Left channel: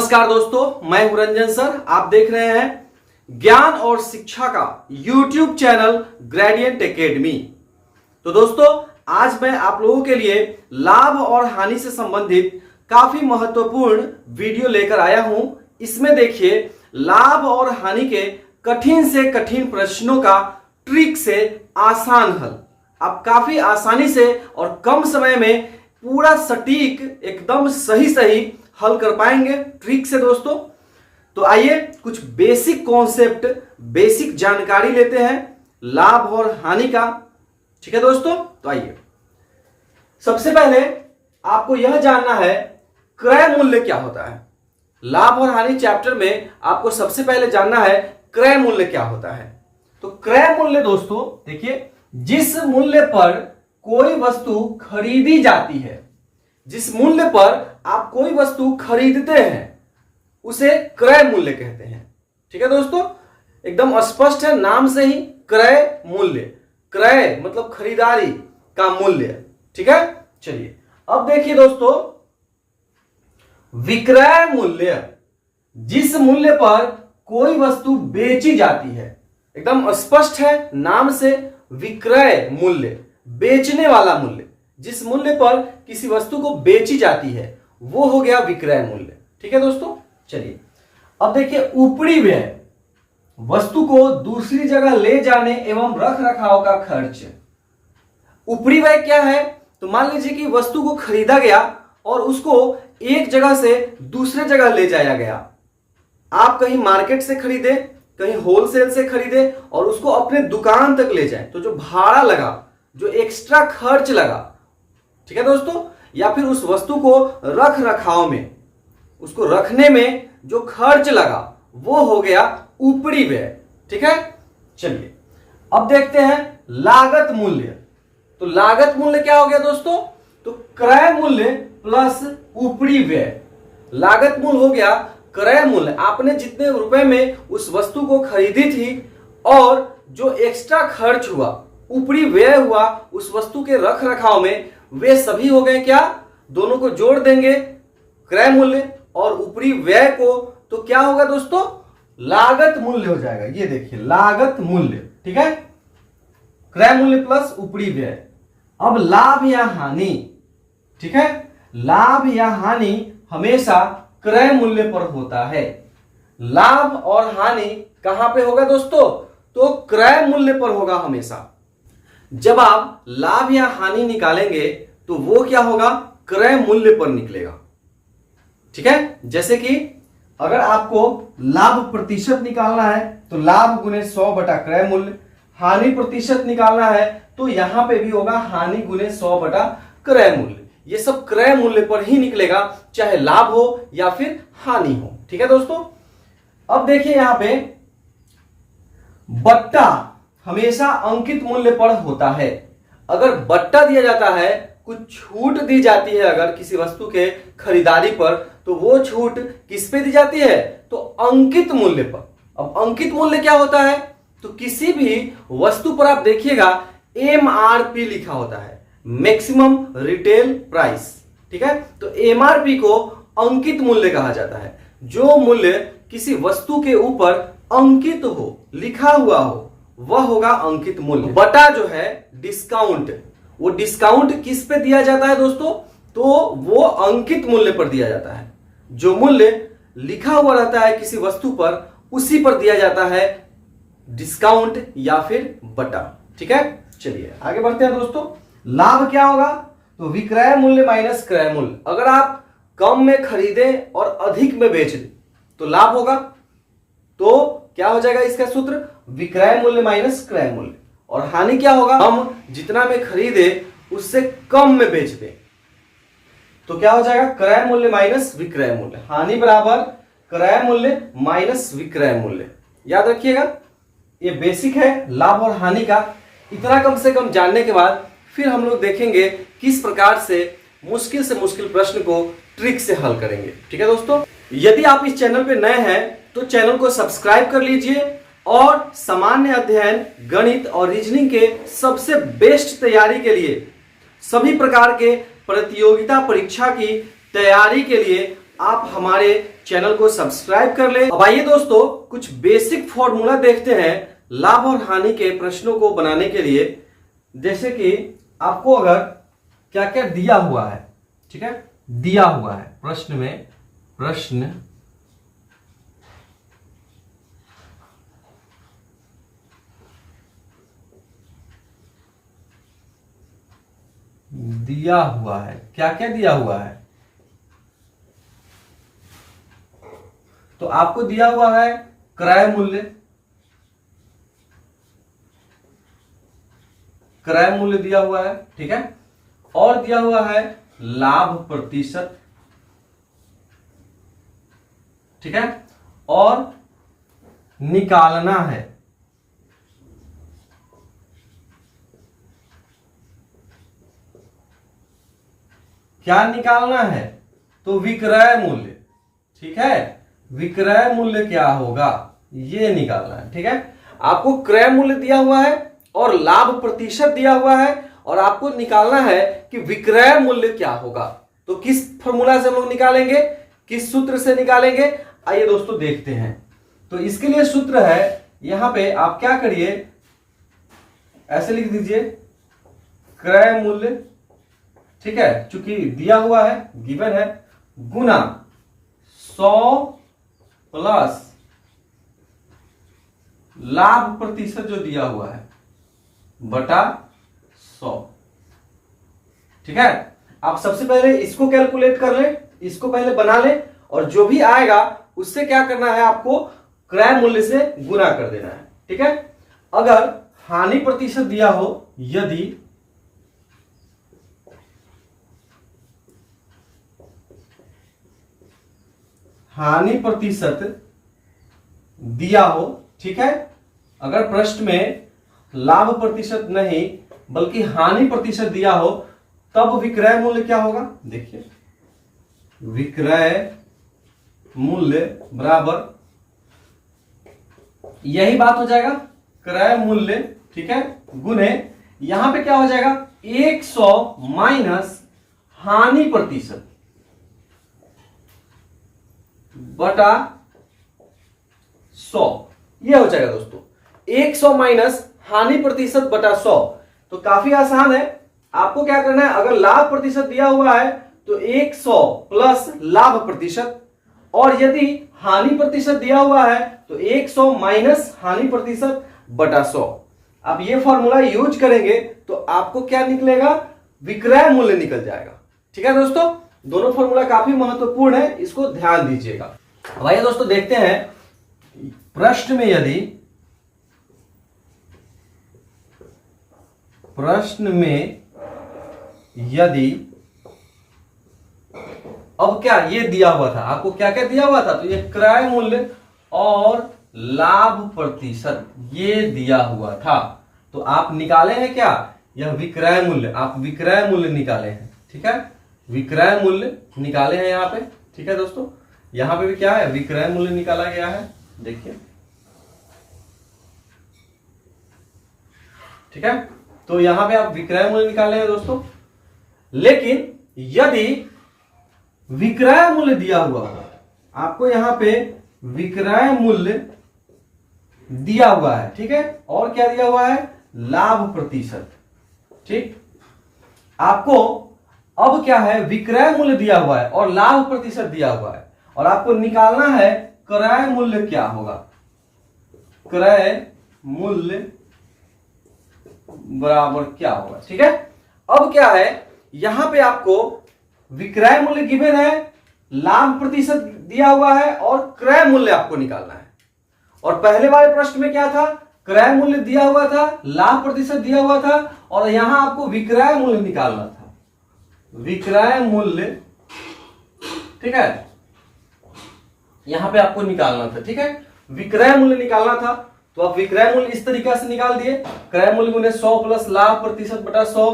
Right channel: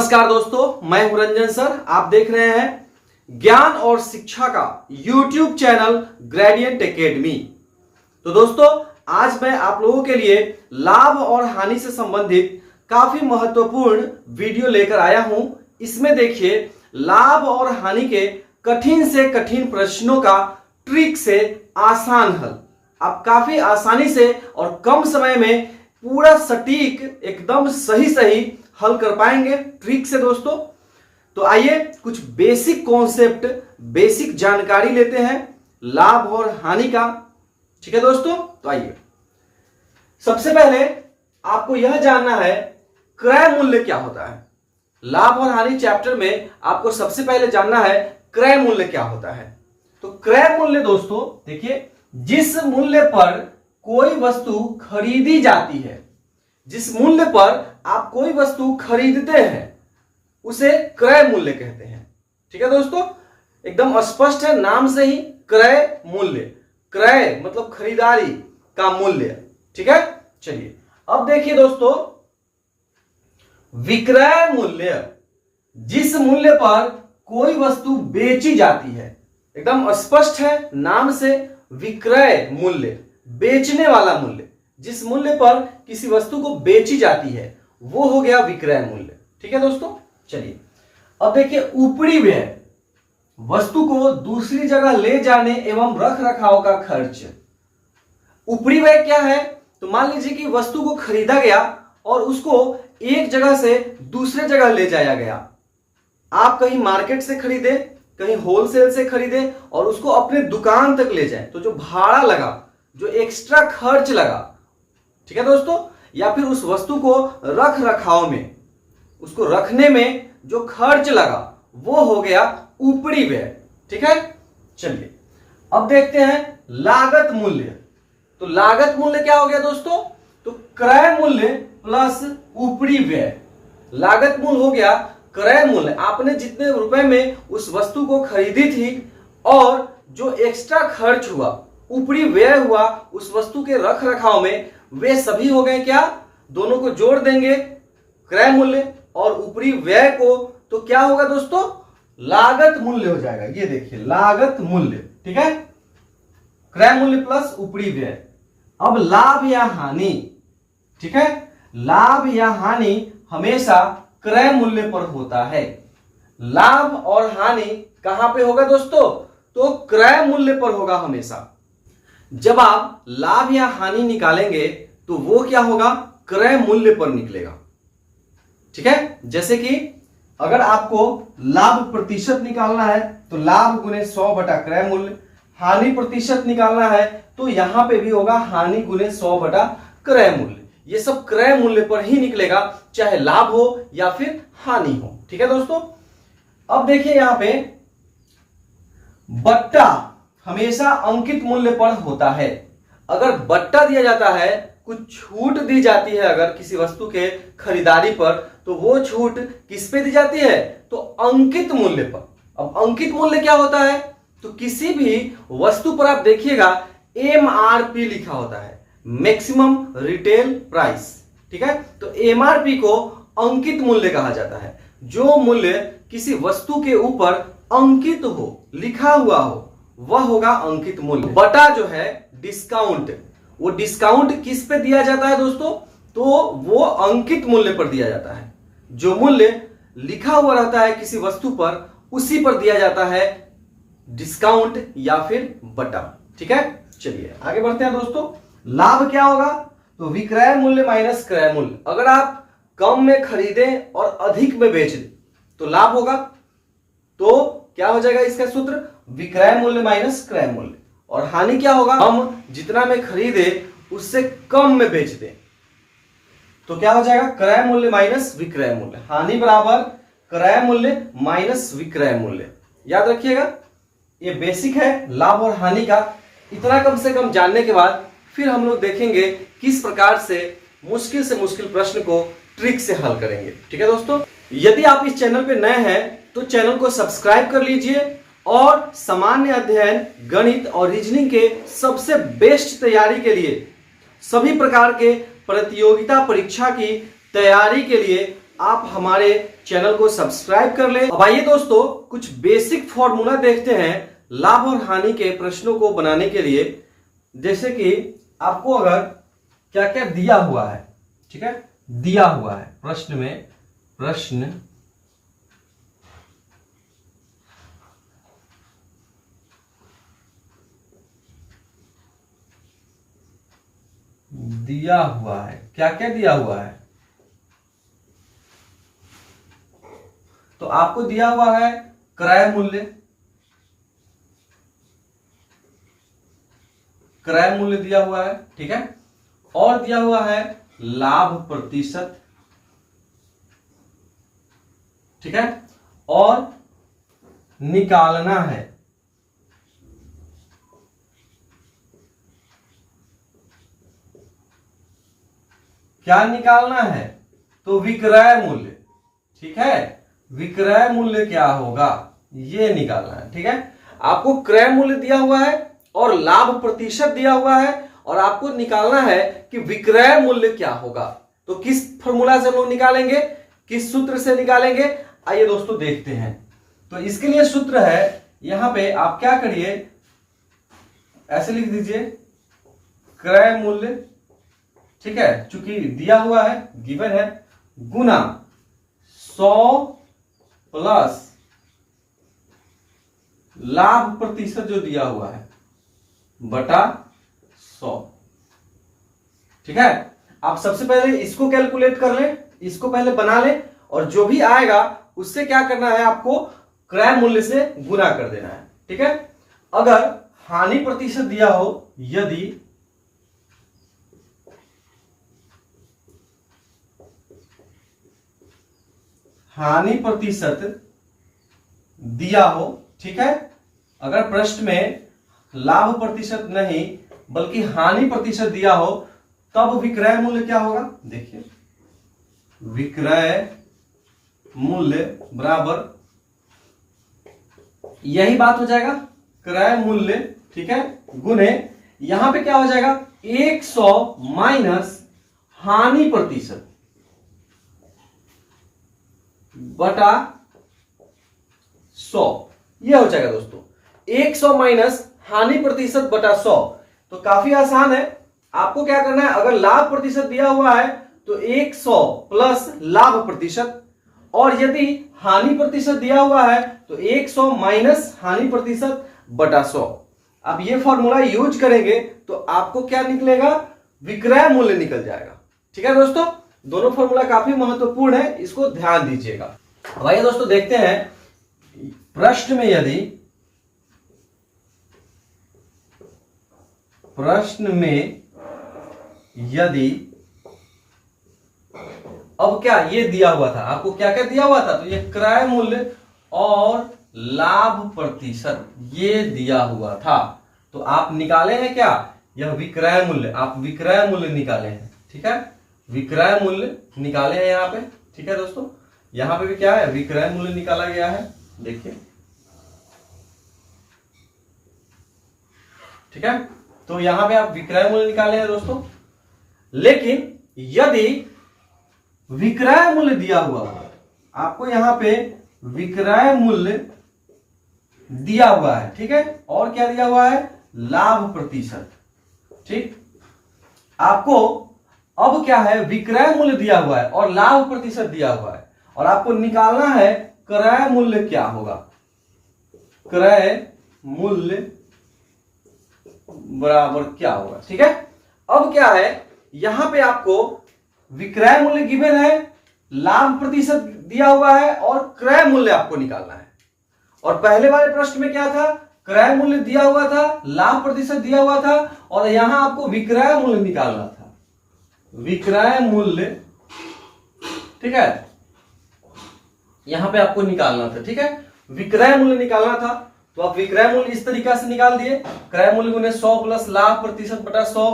नमस्कार दोस्तों, मैं हूं रंजन सर। आप देख रहे हैं ज्ञान और शिक्षा का YouTube चैनल ग्रेडियंट एकेडमी। तो दोस्तों, आज मैं आप लोगों के लिए लाभ और हानि से संबंधित काफी महत्वपूर्ण वीडियो लेकर आया हूं। इसमें देखिए, लाभ और हानि के कठिन से कठिन प्रश्नों का ट्रिक से आसान हल आप काफी आसानी से और कम समय में पूरा सटीक एकदम सही हल कर पाएंगे ट्रिक से दोस्तों। तो आइए कुछ बेसिक कॉन्सेप्ट, बेसिक जानकारी लेते हैं लाभ और हानि का। ठीक है दोस्तों, तो आइए सबसे पहले आपको यह जानना है क्रय मूल्य क्या होता है। लाभ और हानि चैप्टर में आपको सबसे पहले जानना है क्रय मूल्य क्या होता है। तो क्रय मूल्य दोस्तों देखिए, जिस मूल्य पर कोई वस्तु खरीदी जाती है, जिस मूल्य पर आप कोई वस्तु खरीदते हैं उसे क्रय मूल्य कहते हैं। ठीक है दोस्तों, एकदम स्पष्ट है नाम से ही, क्रय मूल्य। क्रय मतलब खरीदारी का मूल्य। ठीक है, चलिए अब देखिए दोस्तों, विक्रय मूल्य, जिस मूल्य पर कोई वस्तु बेची जाती है, एकदम स्पष्ट है नाम से, विक्रय मूल्य, बेचने वाला मूल्य। जिस मूल्य पर किसी वस्तु को बेची जाती है वो हो गया विक्रय मूल्य। ठीक है दोस्तों, चलिए अब देखिए ऊपरी व्यय, वस्तु को दूसरी जगह ले जाने एवं रख रखाव का खर्च। ऊपरी व्यय क्या है? तो मान लीजिए कि वस्तु को खरीदा गया और उसको एक जगह से दूसरे जगह ले जाया गया। आप कहीं मार्केट से खरीदे, कहीं होलसेल से खरीदे और उसको अपने दुकान तक ले जाए, तो जो भाड़ा लगा, जो एक्स्ट्रा खर्च लगा, ठीक है दोस्तों, या फिर उस वस्तु को रख रखाव में, उसको रखने में जो खर्च लगा वो हो गया ऊपरी व्यय। ठीक है, चलिए अब देखते हैं लागत मूल्य। तो लागत मूल्य क्या हो गया दोस्तों? तो क्रय मूल्य प्लस ऊपरी व्यय। लागत मूल्य हो गया क्रय मूल्य, आपने जितने रुपए में उस वस्तु को खरीदी थी और जो एक्स्ट्रा खर्च हुआ, ऊपरी व्यय हुआ उस वस्तु के रख रखाव में, वे सभी हो गए क्या? दोनों को जोड़ देंगे क्रय मूल्य और ऊपरी व्यय को, तो क्या होगा दोस्तों? लागत मूल्य हो जाएगा। ये देखिए लागत मूल्य। ठीक है, क्रय मूल्य प्लस ऊपरी व्यय। अब लाभ या हानि। ठीक है, लाभ या हानि हमेशा क्रय मूल्य पर होता है। लाभ और हानि कहां पे होगा दोस्तों? तो क्रय मूल्य पर होगा हमेशा। जब आप लाभ या हानि निकालेंगे तो वो क्या होगा? क्रय मूल्य पर निकलेगा। ठीक है, जैसे कि अगर आपको लाभ प्रतिशत निकालना है तो लाभ गुने 100 बटा क्रय मूल्य, हानि प्रतिशत निकालना है तो यहां पे भी होगा हानि गुने 100 बटा क्रय मूल्य। ये सब क्रय मूल्य पर ही निकलेगा, चाहे लाभ हो या फिर हानि हो। ठीक है दोस्तों, अब देखिए यहां पे बट्टा हमेशा अंकित मूल्य पर होता है। अगर बट्टा दिया जाता है, कुछ छूट दी जाती है अगर किसी वस्तु के खरीदारी पर, तो वो छूट किस पे दी जाती है? तो अंकित मूल्य पर। अब अंकित मूल्य क्या होता है? तो किसी भी वस्तु पर आप देखिएगा MRP लिखा होता है, मैक्सिमम रिटेल प्राइस। ठीक है, तो MRP को अंकित मूल्य कहा जाता है। जो मूल्य किसी वस्तु के ऊपर अंकित हो, लिखा हुआ हो, वह होगा अंकित मूल्य। बटा जो है डिस्काउंट, वो डिस्काउंट किस पे दिया जाता है दोस्तों? तो वो अंकित मूल्य पर दिया जाता है। जो मूल्य लिखा हुआ रहता है किसी वस्तु पर, उसी पर दिया जाता है डिस्काउंट या फिर बटा। ठीक है, चलिए आगे बढ़ते हैं दोस्तों। लाभ क्या होगा? तो विक्रय मूल्य माइनस क्रय मूल्य। अगर आप कम में खरीदे और अधिक में बेच दें तो लाभ होगा। तो क्या हो जाएगा इसका सूत्र? विक्रय मूल्य माइनस क्रय मूल्य। और हानि क्या होगा? हम जितना में खरीदे उससे कम में बेच दें तो क्या हो जाएगा? क्रय मूल्य माइनस विक्रय मूल्य। हानि बराबर क्रय मूल्य माइनस विक्रय मूल्य। याद रखिएगा, ये बेसिक है लाभ और हानि का। इतना कम से कम जानने के बाद फिर हम लोग देखेंगे किस प्रकार से मुश्किल प्रश्न को ट्रिक से हल करेंगे। ठीक है दोस्तों, यदि आप इस चैनल पे नए हैं तो चैनल को सब्सक्राइब कर लीजिए और सामान्य अध्ययन, गणित और रीजनिंग के सबसे बेस्ट तैयारी के लिए, सभी प्रकार के प्रतियोगिता परीक्षा की तैयारी के लिए आप हमारे चैनल को सब्सक्राइब कर ले। अब आइए दोस्तों कुछ बेसिक फॉर्मूला देखते हैं लाभ और हानि के प्रश्नों को बनाने के लिए। जैसे कि आपको अगर क्या क्या दिया हुआ है, ठीक है, दिया हुआ है प्रश्न में, प्रश्न दिया हुआ है, क्या क्या दिया हुआ है, तो आपको दिया हुआ है क्रय मूल्य, क्रय मूल्य दिया हुआ है, ठीक है, और दिया हुआ है लाभ प्रतिशत, ठीक है, और निकालना है, क्या निकालना है, तो विक्रय मूल्य, ठीक है, विक्रय मूल्य क्या होगा ये निकालना है, ठीक है। आपको क्रय मूल्य दिया हुआ है और लाभ प्रतिशत दिया हुआ है और आपको निकालना है कि विक्रय मूल्य क्या होगा। तो किस फॉर्मूला से हम लोग निकालेंगे, किस सूत्र से निकालेंगे, आइए दोस्तों देखते हैं। तो इसके लिए सूत्र है, यहां पे आप क्या करिए, ऐसे लिख दीजिए क्रय मूल्य, ठीक है, चूंकि दिया हुआ है, गिवन है, गुना 100 प्लस लाभ प्रतिशत जो दिया हुआ है बटा 100, ठीक है। आप सबसे पहले इसको कैलकुलेट कर ले, इसको पहले बना ले और जो भी आएगा उससे क्या करना है, आपको क्रय मूल्य से गुना कर देना है, ठीक है। अगर हानि प्रतिशत दिया हो, यदि हानि प्रतिशत दिया हो, ठीक है, अगर प्रश्न में लाभ प्रतिशत नहीं बल्कि हानि प्रतिशत दिया हो, तब विक्रय मूल्य क्या होगा, देखिए विक्रय मूल्य बराबर, यही बात हो जाएगा क्रय मूल्य, ठीक है, गुने यहां पे क्या हो जाएगा 100 माइनस हानि प्रतिशत बटा 100, यह हो जाएगा दोस्तों 100 माइनस हानि प्रतिशत बटा 100। तो काफी आसान है, आपको क्या करना है, अगर लाभ प्रतिशत दिया हुआ है तो 100 प्लस लाभ प्रतिशत, और यदि हानि प्रतिशत दिया हुआ है तो 100 माइनस हानि प्रतिशत बटा 100। अब ये फॉर्मूला यूज करेंगे तो आपको क्या निकलेगा, विक्रय मूल्य निकल जाएगा, ठीक है दोस्तों। दोनों फॉर्मूला काफी महत्वपूर्ण है, इसको ध्यान दीजिएगा। भाई दोस्तों देखते हैं प्रश्न में, यदि अब क्या ये दिया हुआ था, आपको क्या क्या दिया हुआ था, तो ये क्रय मूल्य और लाभ प्रतिशत ये दिया हुआ था, तो आप निकाले हैं क्या, यह विक्रय मूल्य, आप विक्रय मूल्य निकाले हैं, ठीक है, विक्रय मूल्य निकाले हैं यहां पे, ठीक है दोस्तों। यहां पे भी क्या है, विक्रय मूल्य निकाला गया है, देखिए, ठीक है, तो यहां पे आप विक्रय मूल्य निकाले हैं दोस्तों। लेकिन यदि विक्रय मूल्य दिया हुआ हो, आपको यहां पे विक्रय मूल्य दिया हुआ है, ठीक है, और क्या दिया हुआ है, लाभ प्रतिशत, ठीक, आपको अब क्या है, विक्रय मूल्य दिया हुआ है और लाभ प्रतिशत दिया हुआ है, और आपको निकालना है क्रय मूल्य क्या होगा, क्रय मूल्य बराबर क्या होगा, ठीक है। अब क्या है, यहां पे आपको विक्रय मूल्य गिवन है, लाभ प्रतिशत दिया हुआ है और क्रय मूल्य आपको निकालना है। और पहले वाले प्रश्न में क्या था, क्रय मूल्य दिया हुआ था, लाभ प्रतिशत दिया हुआ था, और यहां आपको विक्रय मूल्य निकालना था, विक्रय मूल्य, ठीक है, यहां पे आपको निकालना था, ठीक है, विक्रय मूल्य निकालना था। तो आप विक्रय मूल्य इस तरीका से निकाल दिए, क्रय मूल्य गुने 100 प्लस लाभ प्रतिशत बटा 100,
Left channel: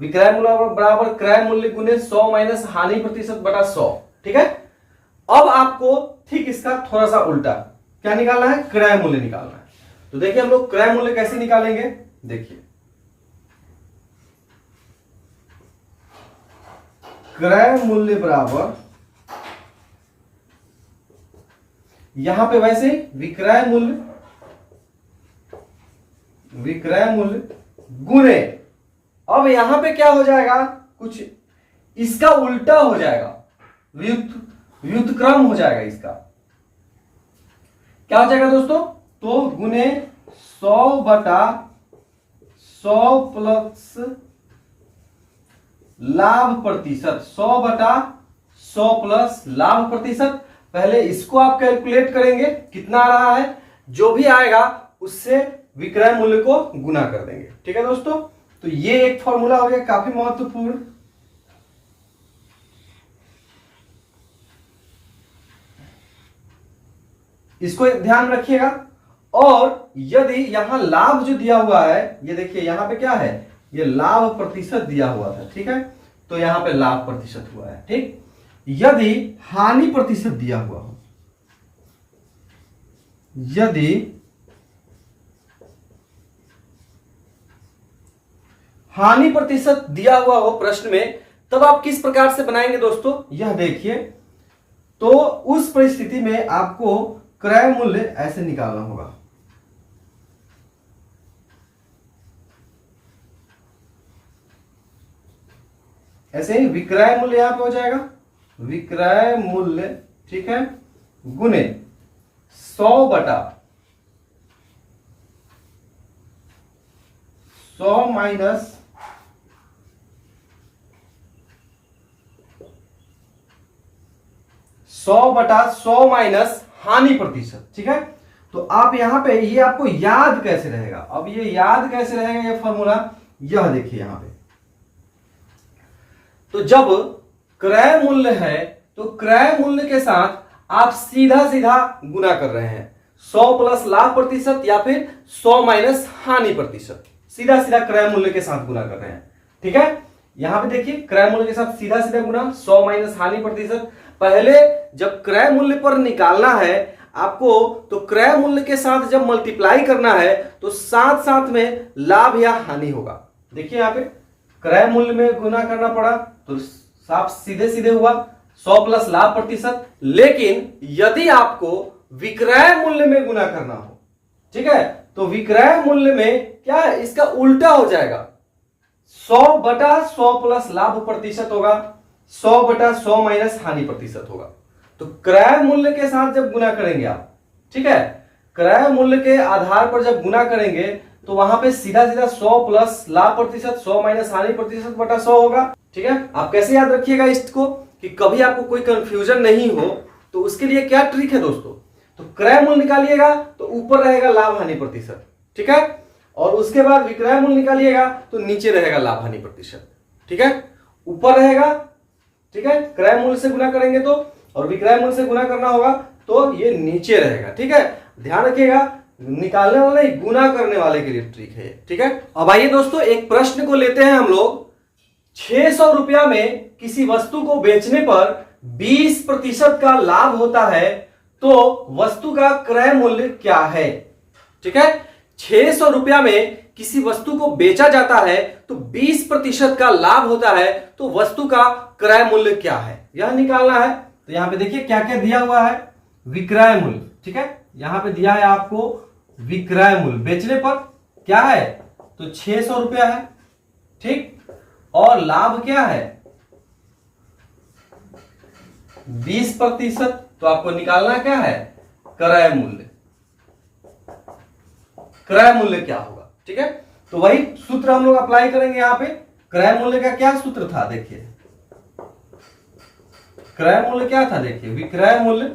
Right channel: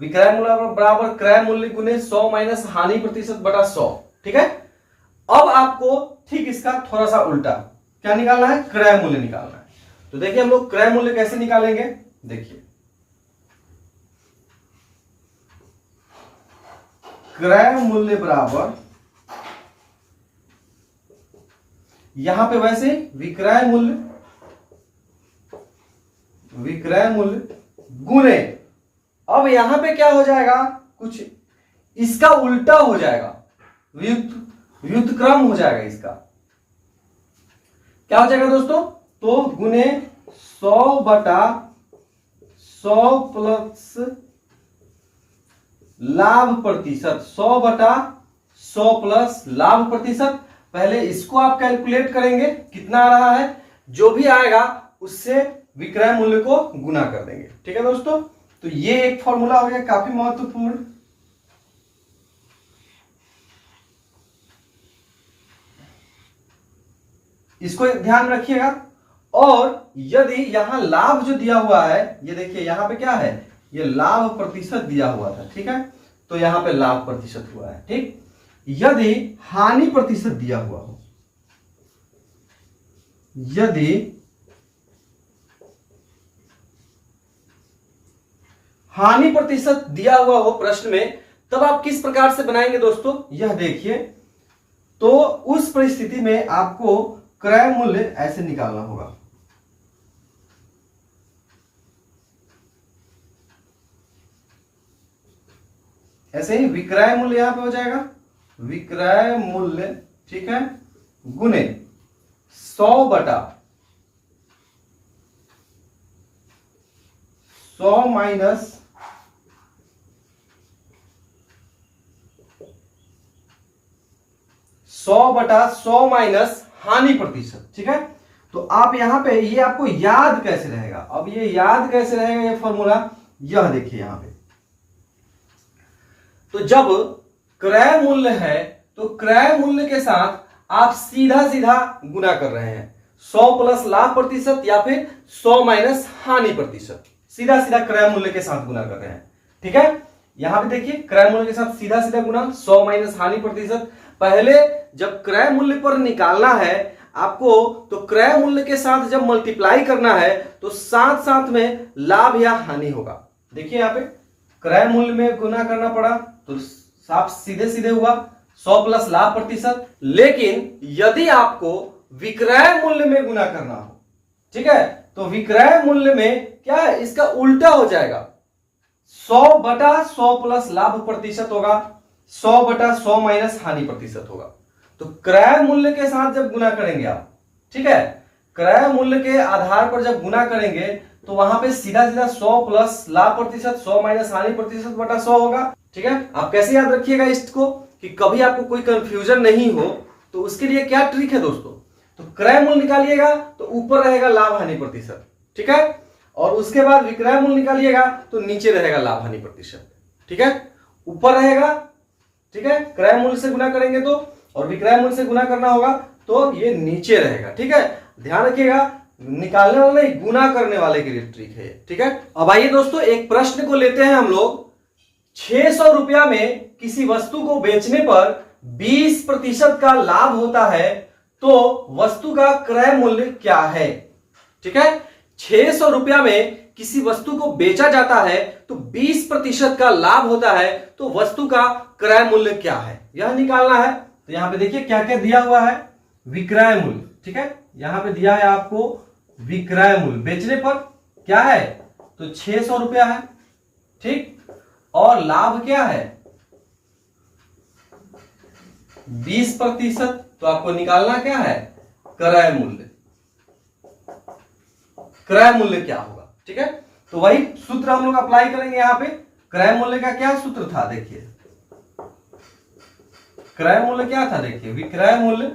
विक्रय मूल्य बराबर क्रय मूल्य गुने 100 माइनस हानि प्रतिशत बटा 100, ठीक है। अब आपको ठीक इसका थोड़ा सा उल्टा क्या निकालना है, क्रय मूल्य निकालना है। तो देखिए हम लोग क्रय मूल्य कैसे निकालेंगे, देखिए क्रय मूल्य बराबर यहां पे वैसे विक्रय मूल्य गुणे, अब यहां पे क्या हो जाएगा, कुछ इसका उल्टा हो जाएगा, व्युत्क्रम हो जाएगा। इसका क्या हो जाएगा दोस्तों, तो गुणे 100/100 प्लस लाभ प्रतिशत, 100/100 प्लस लाभ प्रतिशत। पहले इसको आप कैलकुलेट करेंगे कितना आ रहा है, जो भी आएगा उससे विक्रय मूल्य को गुना कर देंगे। ठीक है दोस्तों, तो ये एक फॉर्मूला हो गया काफी महत्वपूर्ण। इसको ध्यान रखिएगा। और यदि यहां लाभ जो दिया हुआ है, ये देखिए यहां पे क्या है, ये लाभ प्रतिशत दिया हुआ था, ठीक है, तो यहां पे लाभ प्रतिशत हुआ है। ठीक, यदि हानि प्रतिशत दिया हुआ हो, यदि हानि प्रतिशत दिया हुआ हो प्रश्न में, तब आप किस प्रकार से बनाएंगे दोस्तों, यह देखिए। तो उस परिस्थिति में आपको क्रय मूल्य ऐसे निकालना होगा, ऐसे ही विक्रय मूल्य यहां पे हो जाएगा, विक्रय मूल्य, ठीक है, गुने 100/100 माइनस 100/100 माइनस हानि प्रतिशत। ठीक है, तो आप यहां पे ये आपको याद कैसे रहेगा, अब ये याद कैसे रहेगा ये फॉर्मूला, यह देखिए यहां पे। तो जब क्रय मूल्य है तो क्रय मूल्य के साथ आप सीधा सीधा गुना कर रहे हैं, 100 प्लस लाभ प्रतिशत या फिर 100 माइनस हानि प्रतिशत, सीधा सीधा क्रय मूल्य के साथ गुना कर रहे हैं। ठीक है, यहां पे देखिए क्रय मूल्य के साथ सीधा सीधा गुना 100 माइनस हानि प्रतिशत। पहले जब क्रय मूल्य पर निकालना है आपको, तो क्रय मूल्य के साथ जब मल्टीप्लाई करना है तो साथ साथ में लाभ या हानि होगा। देखिए यहां पे क्रय मूल्य में गुना करना पड़ा तो साफ सीधे सीधे हुआ 100 प्लस लाभ प्रतिशत। लेकिन यदि आपको विक्रय मूल्य में गुना करना हो, ठीक है, तो विक्रय मूल्य में क्या है, इसका उल्टा हो जाएगा, 100/100 प्लस लाभ प्रतिशत होगा, 100/100 माइनस हानि प्रतिशत होगा। तो क्रय मूल्य के साथ जब गुना करेंगे आप, ठीक है, क्रय मूल्य के आधार पर जब गुना करेंगे तो वहां पे सीधा सीधा 100 प्लस लाभ प्रतिशत 100 माइनस हानि प्रतिशत बटा 100 होगा। ठीक है, आप कैसे याद रखिएगा इसको कि कभी आपको कोई कंफ्यूजन नहीं हो, तो उसके लिए क्या ट्रिक है दोस्तों, तो क्रय मूल्य निकालिएगा तो ऊपर रहेगा लाभ हानि प्रतिशत, ठीक है, और उसके बाद विक्रय मूल्य निकालिएगा तो नीचे रहेगा लाभ हानि प्रतिशत। ठीक है, ऊपर रहेगा, ठीक है, क्रय मूल्य से गुना करेंगे तो, और विक्रय मूल्य से गुना करना होगा तो ये नीचे रहेगा। ठीक है, ध्यान रखिएगा, निकालने वाले नहीं, गुना करने वाले के लिए ट्रिक है। ठीक है, अब आइए दोस्तों एक प्रश्न को लेते हैं हम लोग। 600 रुपया में किसी वस्तु को बेचने पर 20% का लाभ होता है, तो वस्तु का क्रय मूल्य क्या है। ठीक है, 600 रुपया में किसी वस्तु को बेचा जाता है तो 20% का लाभ होता है, तो वस्तु का क्रय मूल्य क्या है, यह निकालना है। तो यहां पे देखिए क्या क्या दिया हुआ है, विक्रय मूल्य, ठीक है, यहां पे दिया है आपको विक्रय मूल्य, बेचने पर क्या है, तो 600 रुपया है, ठीक, और लाभ क्या है 20%, तो आपको निकालना क्या है, क्रय मूल्य, क्रय मूल्य क्या होगा। ठीक है, तो वही सूत्र हम लोग अप्लाई करेंगे यहां पे। क्रय मूल्य का क्या सूत्र था, देखिए क्रय मूल्य क्या था, देखिए विक्रय मूल्य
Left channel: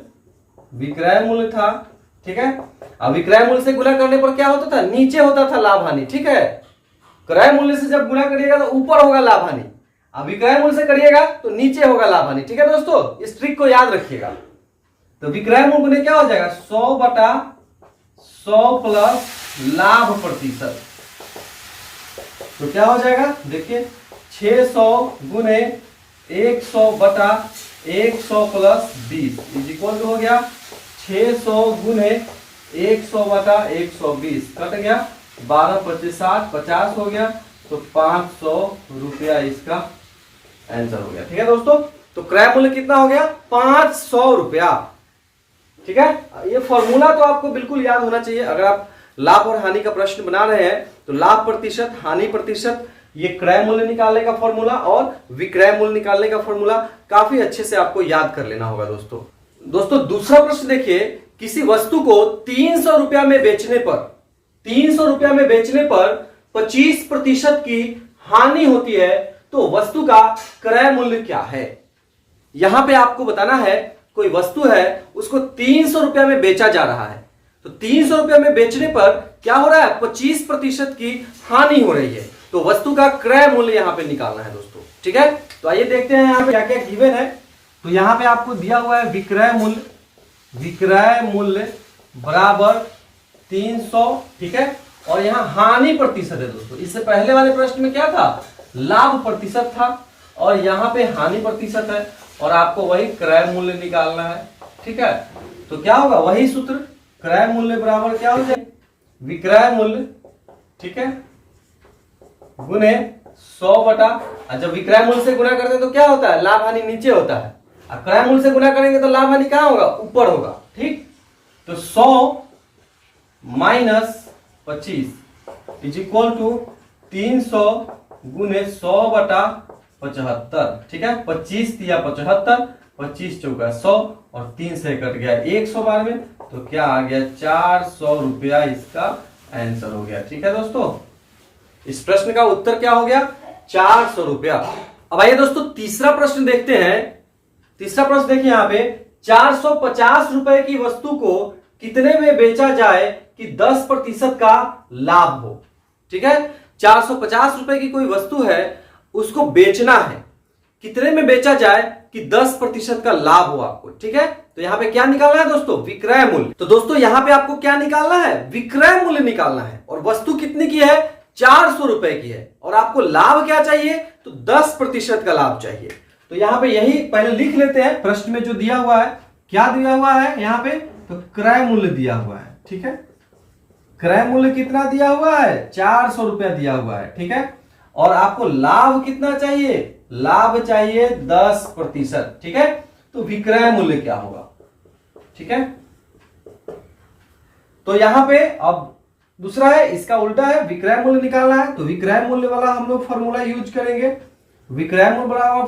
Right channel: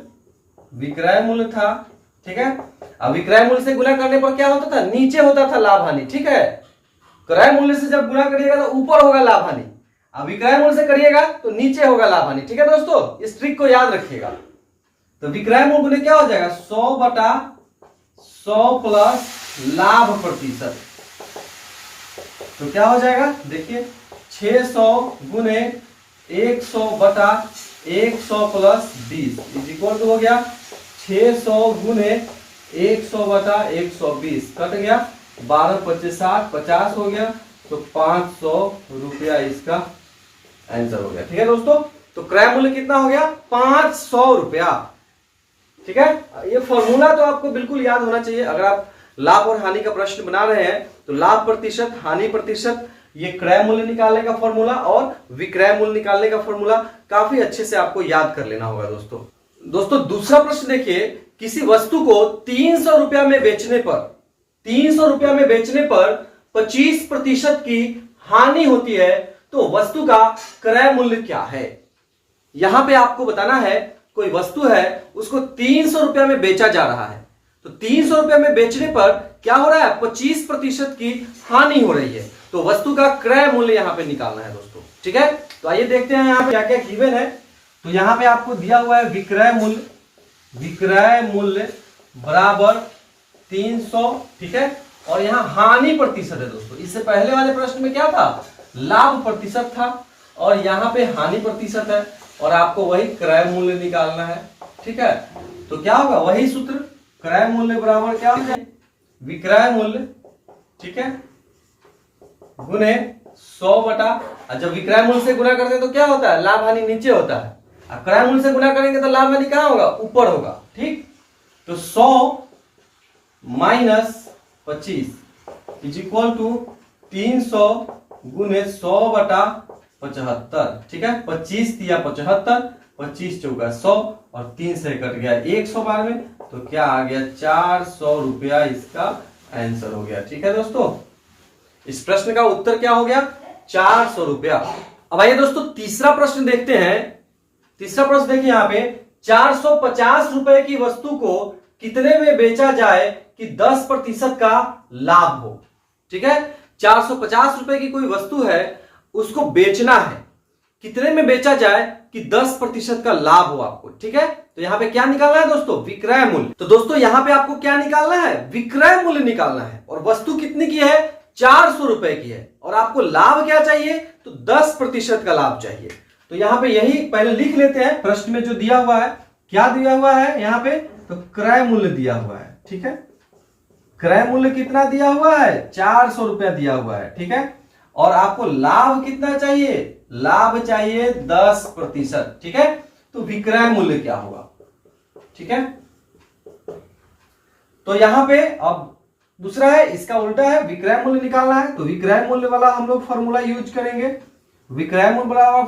था। ठीक है, अब विक्रय मूल्य से गुना करने पर क्या होता था, नीचे होता था लाभ हानि। ठीक है, क्रय मूल्य से जब गुना करिएगा तो ऊपर होगा लाभ हानि, अब विक्रय मूल्य से करिएगा तो नीचे होगा लाभ हानि। ठीक है दोस्तों, इस ट्रिक को याद रखिएगा। तो विक्रय मूल्य गुने क्या हो जाएगा, 100/100 प्लस लाभ प्रतिशत, तो क्या हो जाएगा, देखिए 600 गुने 100/100 प्लस 20 इज इक्वल टू हो गया 600 गुने 100/120, कट गया 12×5 = 50 हो गया, तो 500 रुपया इसका आंसर हो गया। ठीक है दोस्तों, तो क्रय मूल्य कितना हो गया, 500 रुपया। ठीक है, ये फॉर्मूला तो आपको बिल्कुल याद होना चाहिए। अगर आप लाभ और हानि का प्रश्न बना रहे हैं तो लाभ प्रतिशत, हानि प्रतिशत, ये क्रय मूल्य निकालने का फॉर्मूला और विक्रय मूल्य निकालने का फॉर्मूला काफी अच्छे से आपको याद कर लेना होगा दोस्तों। दूसरा प्रश्न देखिए, किसी वस्तु को 300 रुपया में बेचने पर 25% की हानि होती है तो वस्तु का क्रय मूल्य क्या है। यहां पे आपको बताना है, कोई वस्तु है उसको 300 रुपया में बेचा जा रहा है, तो 300 रुपया में बेचने पर क्या हो रहा है, 25% की हानि हो रही है, तो वस्तु का क्रय मूल्य यहां पे निकालना है दोस्तों। ठीक है, तो आइए देखते हैं यहां पे क्या क्या गिवन है। तो यहां पे आपको दिया हुआ है विक्रय मूल्य बराबर 300, ठीक है, और यहां हानि प्रतिशत है दोस्तों। इससे पहले वाले प्रश्न में क्या था, लाभ प्रतिशत था, और यहां पे हानि प्रतिशत है, और आपको वही क्रय मूल्य निकालना है। ठीक है, तो क्या होगा, वही सूत्र, क्रय मूल्य बराबर क्या हो जाए, विक्रय मूल्य, ठीक है, गुने 100 बटा, जब विक्रय मूल्य से गुणा करते हैं तो क्या होता है, लाभ हानि नीचे होता है, अब क्रय मूल्य से गुणा करेंगे तो लाभ हानि कहां होगा, ऊपर होगा। ठीक, तो 100 माइनस 25 इज इक्वल टू 300 गुने 100 बटा 75। ठीक है, 25 दिया 75, 25 चौका 100, और 3 से कट गया 112 में, तो क्या आ गया, 400 रुपया इसका आंसर हो गया। ठीक है दोस्तों, इस प्रश्न का उत्तर क्या हो गया, 400 रुपया। अब आइए दोस्तों तीसरा प्रश्न देखते हैं। तीसरा प्रश्न देखिए यहां पे, 450 रुपए की वस्तु को कितने में बेचा जाए कि 10% का लाभ हो। ठीक है, 450 रुपए की कोई वस्तु है, उसको बेचना है, कितने में बेचा जाए कि 10% का लाभ हो आपको। ठीक है, तो यहां पे क्या निकालना है दोस्तों, विक्रय मूल्य। तो दोस्तों यहां पे आपको क्या निकालना है, विक्रय मूल्य निकालना है, और वस्तु कितने की है, 400 रुपए की है, और आपको लाभ क्या चाहिए, तो 10% का लाभ चाहिए। तो यहां पे यही पहले लिख लेते हैं, प्रश्न में जो दिया हुआ है, क्या दिया हुआ है यहां पे, तो क्रय मूल्य दिया हुआ है। ठीक है, क्रय मूल्य कितना दिया हुआ है, 400 रुपया दिया हुआ है। ठीक है, और आपको लाभ कितना चाहिए, लाभ चाहिए 10%। ठीक है, तो विक्रय मूल्य क्या होगा। ठीक है, तो यहां पे अब दूसरा है, इसका उल्टा है, विक्रय मूल्य निकालना है, तो विक्रय मूल्य वाला हम लोग फॉर्मूला यूज करेंगे। विक्रय मूल्य वाला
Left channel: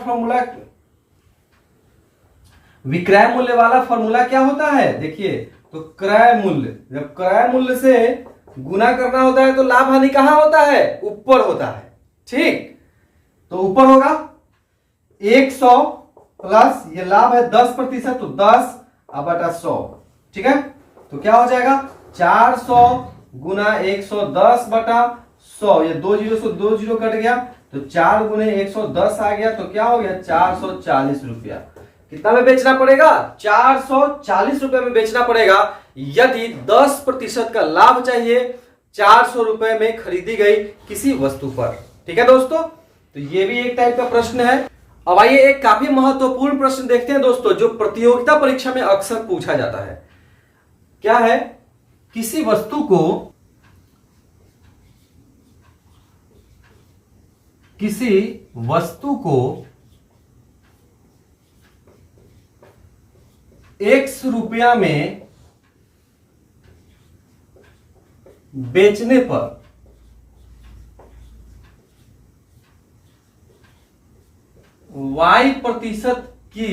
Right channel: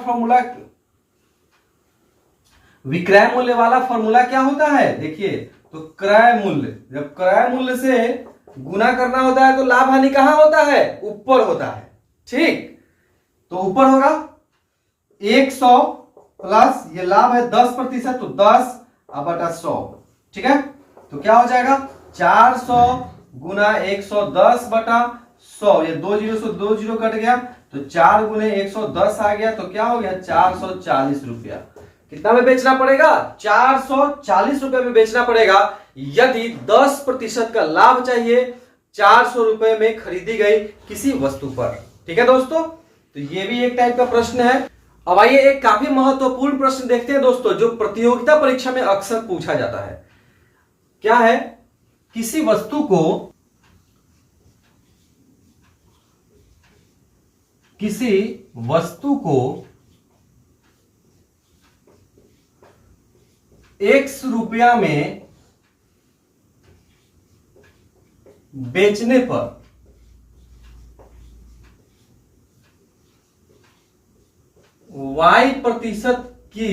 फॉर्मूला क्या होता है, देखिए, तो क्रय मूल्य, जब क्रय मूल्य से गुना करना होता है तो लाभ हानि कहां होता है, ऊपर होता है। ठीक, तो ऊपर होगा 100 प्लस ये लाभ है 10%, तो 10 बटा 100। ठीक है, तो क्या हो जाएगा, 400 गुना 110 बटा 100, ये 2 जीरो से 2 जीरो कट गया, तो 4 गुने 110 आ गया, तो क्या हो गया, 440 रुपया। कितना में बेचना पड़ेगा, 440 रुपए में बेचना पड़ेगा, यदि 10% का लाभ चाहिए 400 रुपए में खरीदी गई किसी वस्तु पर। ठीक है दोस्तों, तो ये भी एक टाइप का प्रश्न है। अब आइए एक काफी महत्वपूर्ण प्रश्न देखते हैं दोस्तों, जो प्रतियोगिता परीक्षा में अक्सर पूछा जाता है। क्या है, किसी वस्तु को X रुपया में बेचने पर Y% की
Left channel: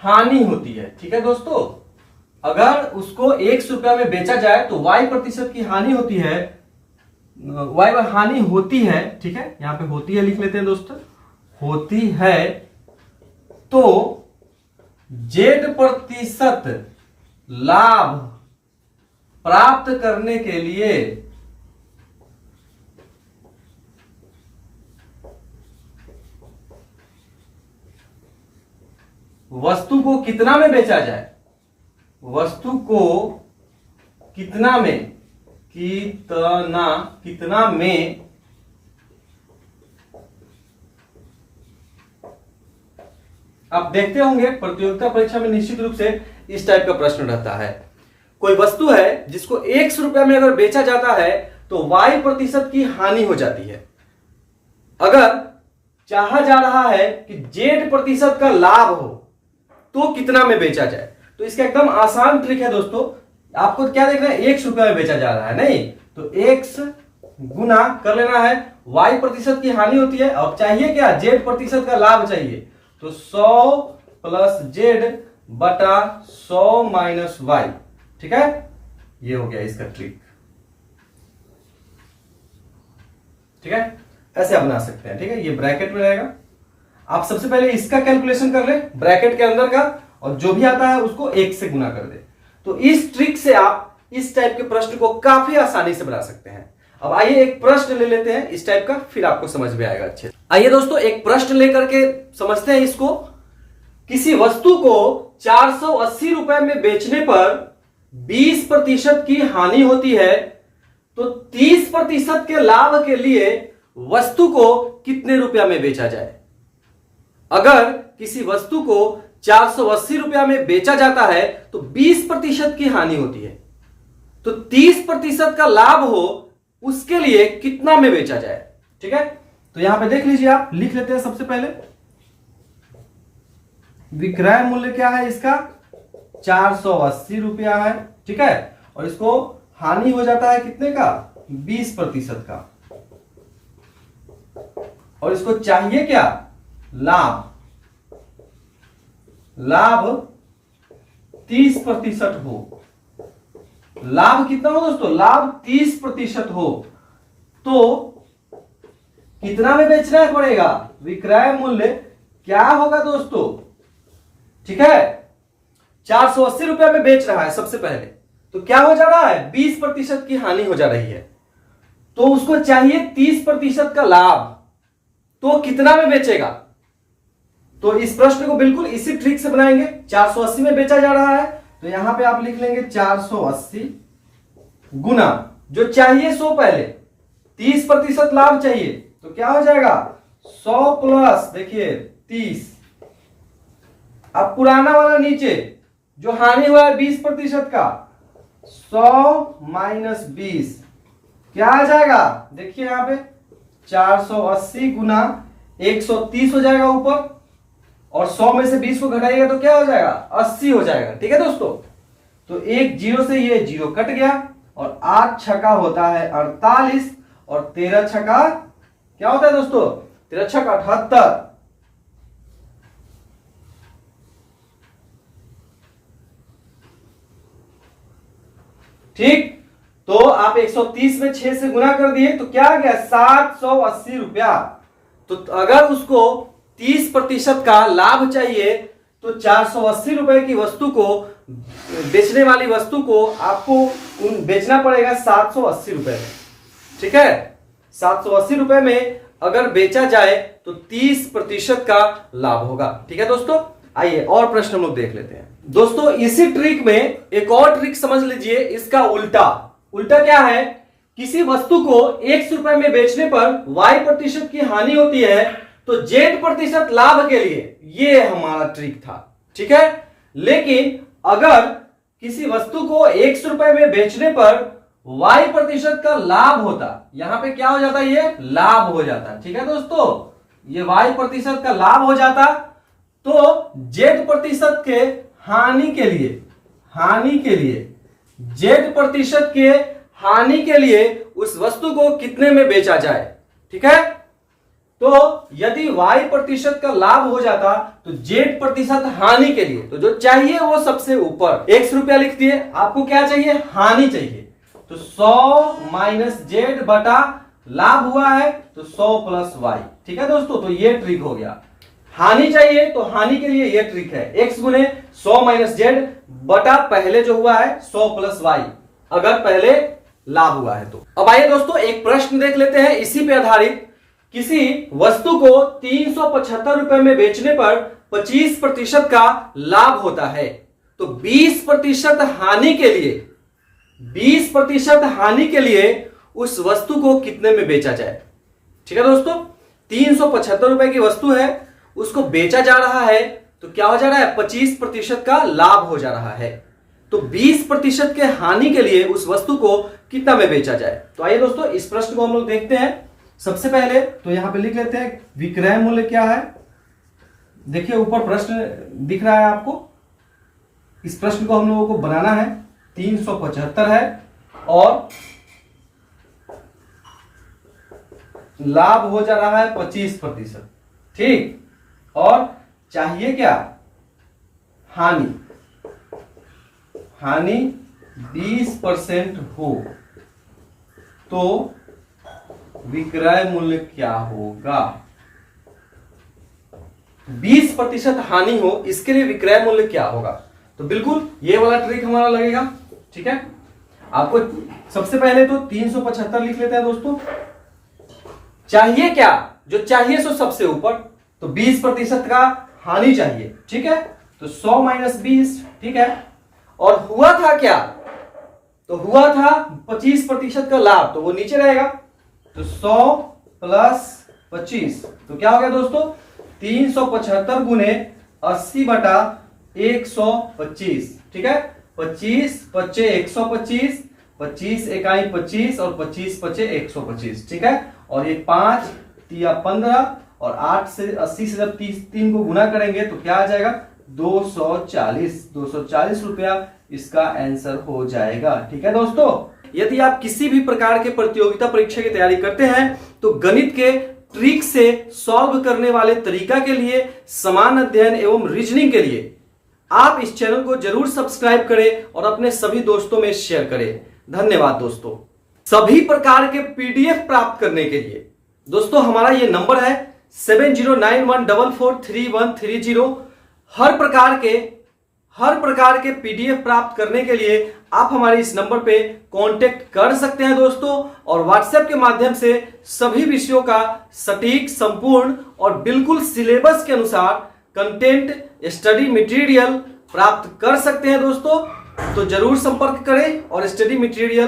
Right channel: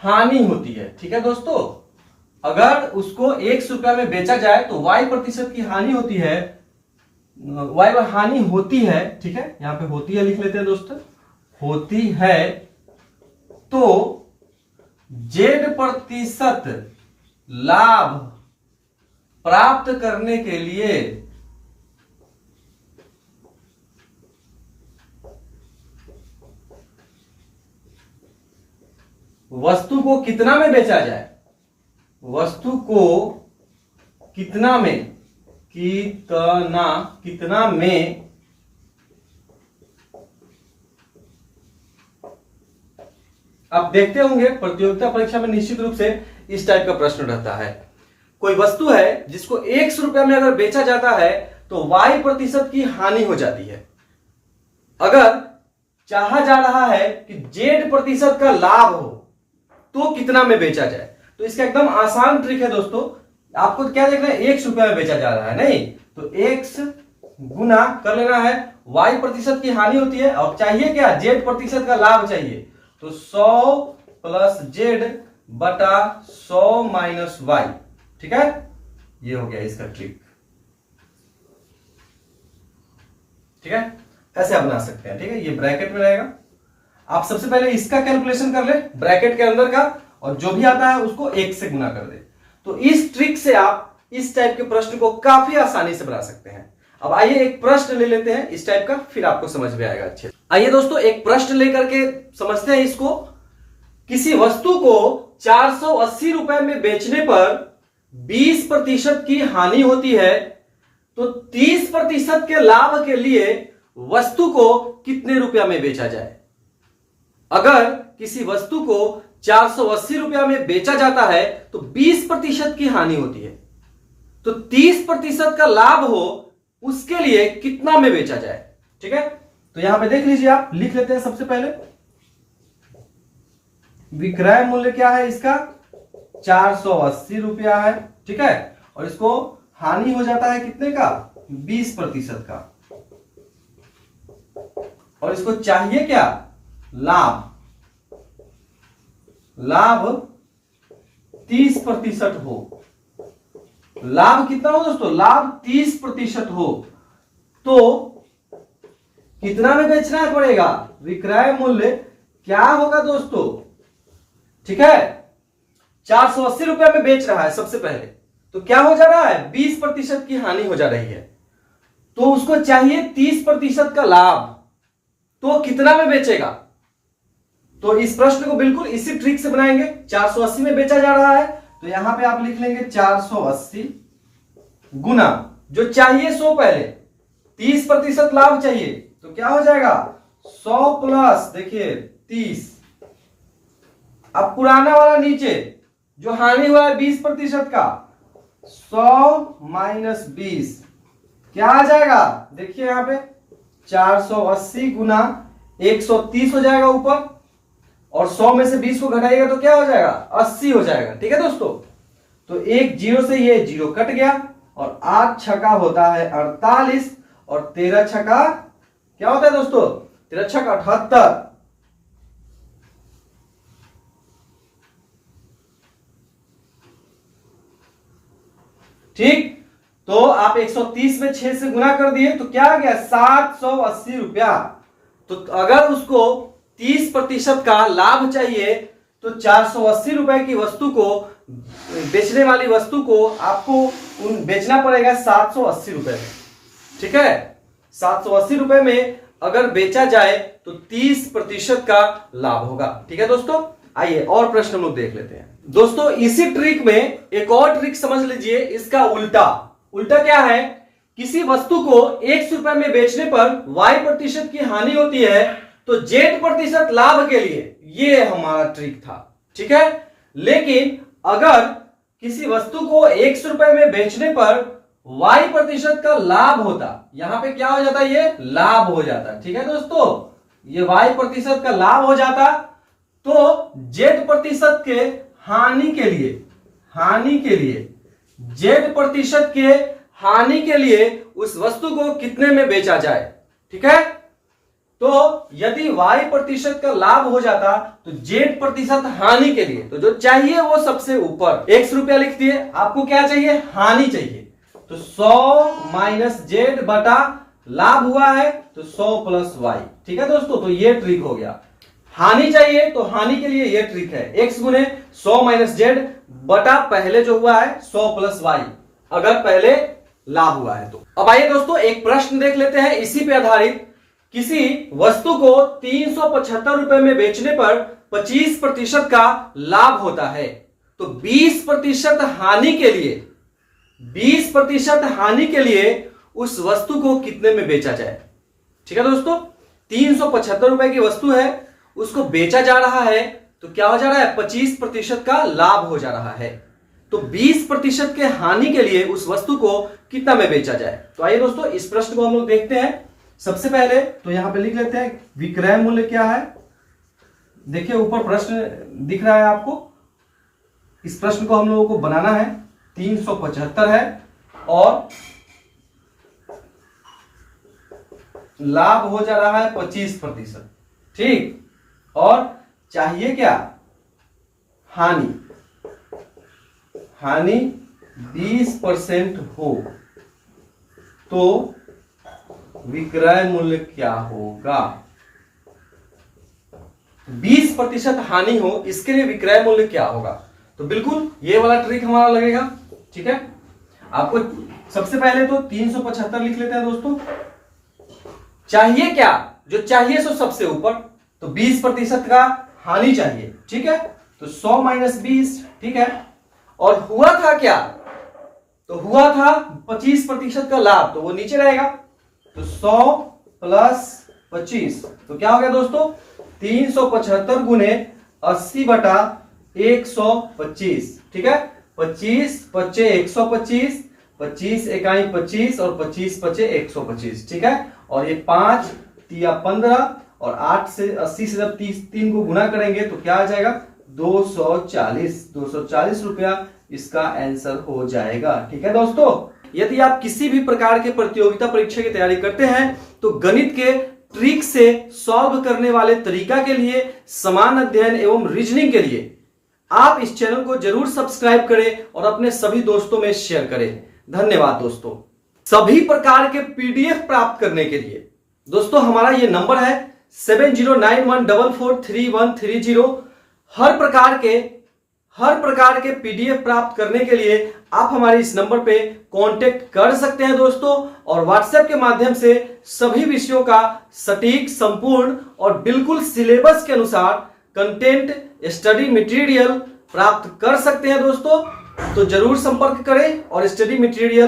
हानि होती है। ठीक है दोस्तों, अगर उसको 100 रुपया में बेचा जाए तो Y% की हानि होती है, Y हानि होती है। ठीक है, यहां पे होती है लिख लेते हैं दोस्तों, होती है, तो Z% लाभ प्राप्त करने के लिए वस्तु को कितना में बेचा जाए, वस्तु को कितना में आप देखते होंगे प्रतियोगिता परीक्षा में निश्चित रूप से इस टाइप का प्रश्न रहता है। कोई वस्तु है जिसको 100 रुपया में अगर बेचा जाता है तो Y% की हानि हो जाती है। अगर चाहा जा रहा है कि Z% का लाभ हो तो कितना में बेचा जाए, तो इसका एकदम आसान ट्रिक है दोस्तों। आपको क्या देखना है, x रुपया में बेचा जा रहा है, नहीं तो x गुना कर लेना है, y प्रतिशत की हानि होती है और चाहिए क्या, z प्रतिशत का लाभ चाहिए, तो 100 प्लस z बटा 100 माइनस y। ठीक है, ये हो गया इसका ट्रिक। ठीक है, ऐसे आप बना सकते हैं। ठीक है, ये ब्रैकेट में रहेगा। आप सबसे पहले इसका कैलकुलेशन कर ले ब्रैकेट के अंदर का, और जो भी आता है उसको 1 से गुना कर दे। तो इस ट्रिक से आप इस टाइप के प्रश्न को काफी आसानी से बना सकते हैं। अब आइए एक प्रश्न ले लेते हैं इस टाइप का, फिर आपको समझ में आएगा अच्छे। आइए दोस्तों एक प्रश्न लेकर के समझते हैं इसको। किसी वस्तु को 480 रुपए में बेचने पर 20% की हानि होती है, तो 30% के लाभ के लिए वस्तु को कितने रुपया में बेचा जाए। अगर किसी वस्तु को 480 रुपया में बेचा जाता है तो 20% की हानि होती है, तो 30% का लाभ हो उसके लिए कितना में बेचा जाए। ठीक है, तो यहां पे देख लीजिए, आप लिख लेते हैं। सबसे पहले विक्रय मूल्य क्या है इसका, 480 रुपया है। ठीक है, और इसको हानि हो जाता है कितने का, 20% का, और इसको चाहिए क्या, लाभ। लाभ 30% हो। लाभ कितना हो दोस्तों, लाभ 30% हो, तो कितना में बेचना पड़ेगा, विक्रय मूल्य क्या होगा दोस्तों। ठीक है, 480 रुपया में बेच रहा है सबसे पहले, तो क्या हो जा रहा है, 20% की हानि हो जा रही है, तो उसको चाहिए 30% का लाभ, तो कितना में बेचेगा। तो इस प्रश्न को बिल्कुल इसी ट्रिक से बनाएंगे। 480 में बेचा जा रहा है, तो यहां पे आप लिख लेंगे 480 गुना जो चाहिए 100, पहले 30% लाभ चाहिए, तो क्या हो जाएगा 100 प्लस देखिए 30। अब पुराना वाला नीचे जो हानि हुआ है 20% का, 100 माइनस 20 क्या आ जाएगा, देखिए यहां पे 480 गुना 130 हो जाएगा ऊपर, और 100 में से 20 को घटाइएगा तो क्या हो जाएगा, 80 हो जाएगा। ठीक है दोस्तों, तो एक जीरो से ये जीरो कट गया, और 8 छका होता है 48, और 13 छका क्या होता है दोस्तों, 13 छका 78। ठीक, तो आप 130 में 6 से गुना कर दिए, तो क्या आ गया 780 रुपया। तो अगर उसको 30% का लाभ चाहिए, तो 480 रुपए की वस्तु को, बेचने वाली वस्तु को आपको बेचना पड़ेगा 780 रुपए में। ठीक है, 780 रुपए में अगर बेचा जाए तो 30% का लाभ होगा। ठीक है दोस्तों, आइए और प्रश्न हम लोग देख लेते हैं। दोस्तों इसी ट्रिक में एक और ट्रिक समझ लीजिए, इसका उल्टा। उल्टा क्या है, किसी वस्तु को 100 रुपए में बेचने पर y% की हानि होती है, तो z% लाभ के लिए ये हमारा ट्रिक था। ठीक है, लेकिन अगर किसी वस्तु को 100 रुपए में बेचने पर y% का लाभ होता, यहां पे क्या हो जाता है, ये लाभ हो जाता। ठीक है दोस्तों, ये y% का लाभ हो जाता, तो z% के हानि के लिए z% के हानि के लिए उस वस्तु को कितने में बेचा जाए। ठीक है, तो यदि y% का लाभ हो जाता तो z% हानि के लिए, तो जो चाहिए वो सबसे ऊपर 100 रुपया लिख दिए, आपको क्या चाहिए, हानि चाहिए, तो 100 माइनस z बटा लाभ हुआ है तो 100 प्लस y। ठीक है दोस्तों, तो ये ट्रिक हो गया। हानि चाहिए तो हानि के लिए ये ट्रिक है, x गुने 100 माइनस z बटा पहले जो हुआ है 100 प्लस y, अगर पहले लाभ हुआ है तो। अब आइए दोस्तों एक प्रश्न देख लेते हैं इसी पे आधारित। किसी वस्तु को 375 रुपए में बेचने पर 25% का लाभ होता है, तो 20% हानि के लिए 20% हानि के लिए उस वस्तु को कितने में बेचा जाए। ठीक है दोस्तों, 375 रुपए की वस्तु है, उसको बेचा जा रहा है, तो क्या हो जा रहा है, 25% का लाभ हो जा रहा है, तो 20% के हानि के लिए उस वस्तु को कितना में बेचा जाए। तो आइए दोस्तों इस प्रश्न को हम लोग देखते हैं। सबसे पहले तो यहां पे लिख लेते हैं विक्रय मूल्य क्या है। देखिए ऊपर प्रश्न दिख रहा है आपको, इस प्रश्न को हम लोगों को बनाना है। 375 है और लाभ हो जा रहा है 25%, ठीक। और चाहिए क्या? हानि 20% हो तो विक्रय मूल्य क्या होगा? 20% हानि हो, इसके लिए विक्रय मूल्य क्या होगा? तो बिल्कुल ये वाला ट्रिक हमारा लगेगा, ठीक है। आपको सबसे पहले तो 375 लिख लेते हैं दोस्तों। चाहिए क्या? जो चाहिए सो सबसे ऊपर, तो 20% का हानि चाहिए, ठीक है। तो 100 - 20, ठीक है। और हुआ था क्या? तो हुआ था 25% का लाभ, तो वो नीचे रहेगा। तो 100 + 25, तो क्या हो गया दोस्तों? 375 गुने 80/125, ठीक है। 25 × 5 125, 25 एकाई 25 और 25 × 5 125, ठीक है। और ये 5 × 15 और 8 से 80 से जब 3 को गुना करेंगे तो क्या आ जाएगा? 240 रुपया इसका आंसर हो जाएगा, ठीक है दोस्तों। यदि आप किसी भी प्रकार के प्रतियोगिता परीक्षा की तैयारी करते हैं तो गणित के ट्रिक से सॉल्व करने वाले तरीका के लिए, समान अध्ययन एवं रीजनिंग के लिए आप इस चैनल को जरूर सब्सक्राइब करें और अपने सभी दोस्तों में शेयर करें। धन्यवाद दोस्तों। सभी प्रकार के पीडीएफ प्राप्त करने के लिए दोस्तों हमारा ये नंबर है 7091443130। हर प्रकार के पीडीएफ प्राप्त करने के लिए आप हमारे इस नंबर पे कांटेक्ट कर सकते हैं दोस्तों। और व्हाट्सएप के माध्यम से सभी विषयों का सटीक, संपूर्ण और बिल्कुल सिलेबस के अनुसार कंटेंट, स्टडी मटेरियल प्राप्त कर सकते हैं दोस्तों। तो जरूर संपर्क करें और स्टडी मटेरियल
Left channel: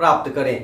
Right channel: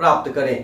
प्राप्त करें।